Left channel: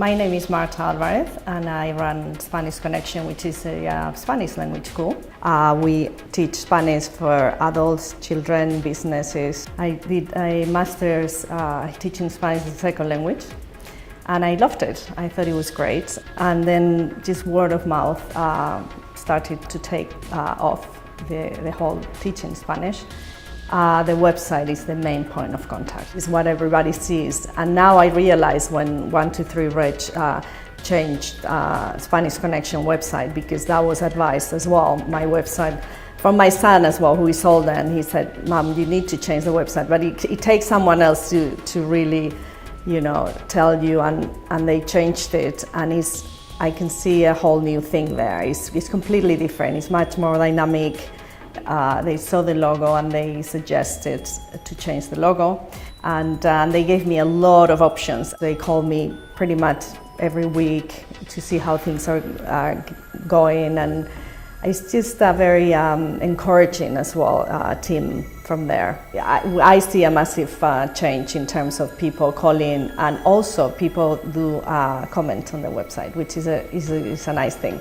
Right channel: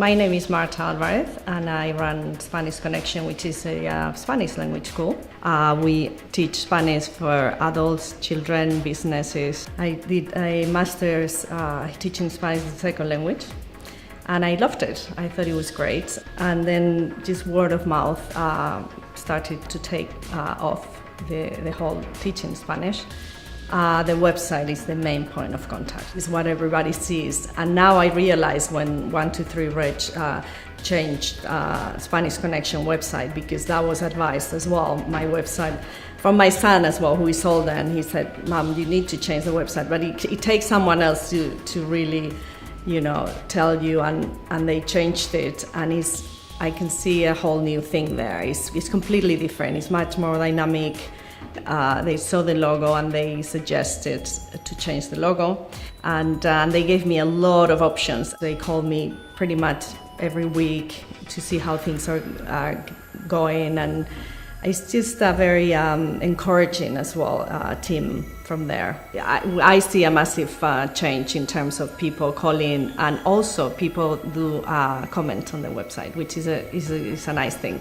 My name is Marta Alvarez and I run Spanish Connection, which is a Spanish language school. We teach Spanish for adults, children, businesses. I did a master's teaching Spanish as a second language and I loved it. I thought it was great. And then just word of mouth started to take off the whole teaching Spanish. The website is the main point of contact. It's what everybody sees. And now I realize when 123 Reg changed Spanish Connection website, because that was advised as well, my website, from my son as well, who is older, and he said, Mom, you need to change the website. But it takes someone else to really, tell you, and they changed it, and I can see a whole new thing there. It's completely different. It's much more dynamic. They saw the logo and they suggested to change the logo, and they gave me a lot of options. They call me pretty much every week to see how things are going, and it's just a very encouraging as well team from there. I see a massive change in terms of people calling, and also people do comment on the website, which is a nice thing.